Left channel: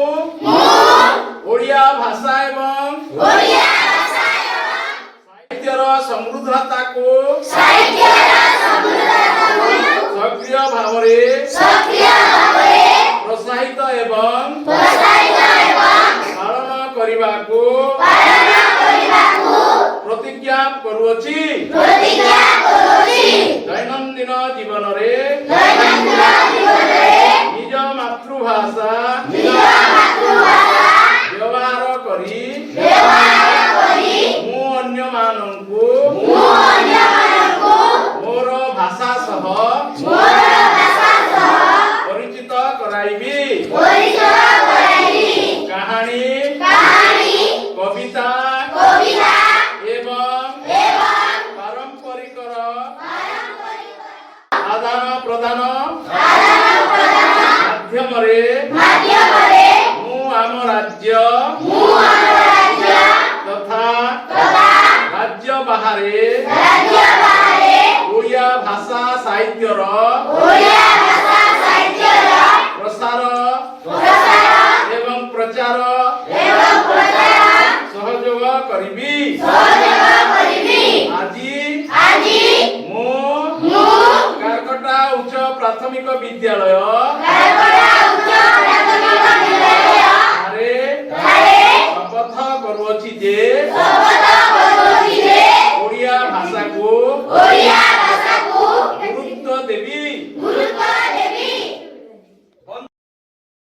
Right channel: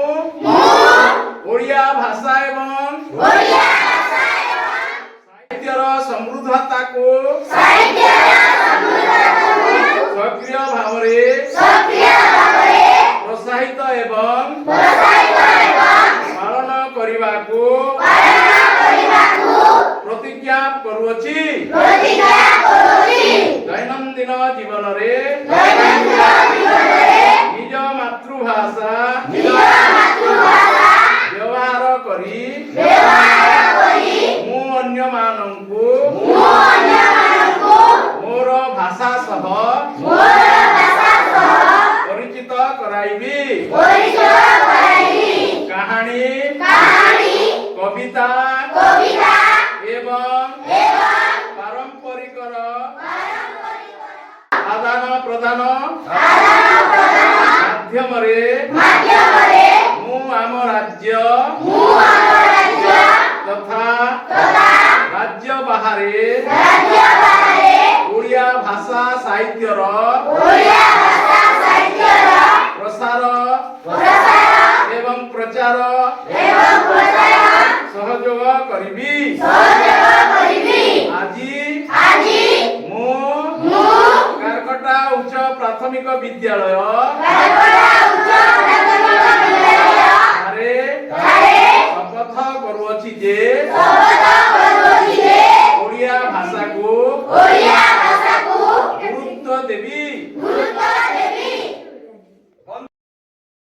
ओडिया भाषा एवं साहित्यर समृद्धता को सक्रिय भाव प्रोत्साहित एवं पालन करने को प्रतिज्ञा करुअछि। दैनंदिन जीवन रे निज मातृभाषा व्यवहार करी मु अन्य मानंकु मोर भाषा सह परिचित कराइबी। कहानी कविता एवं पारंपरिक आदान प्रदान माध्यमरे मु आम राज्य तथा राज्य बाहरे ओडिया भाषा साहित्यर प्रसार एवं प्रचार सहयोग करिबी। आज मु कारकटा उच्च प्राथमिक विद्यालय शपथ करुअछि जे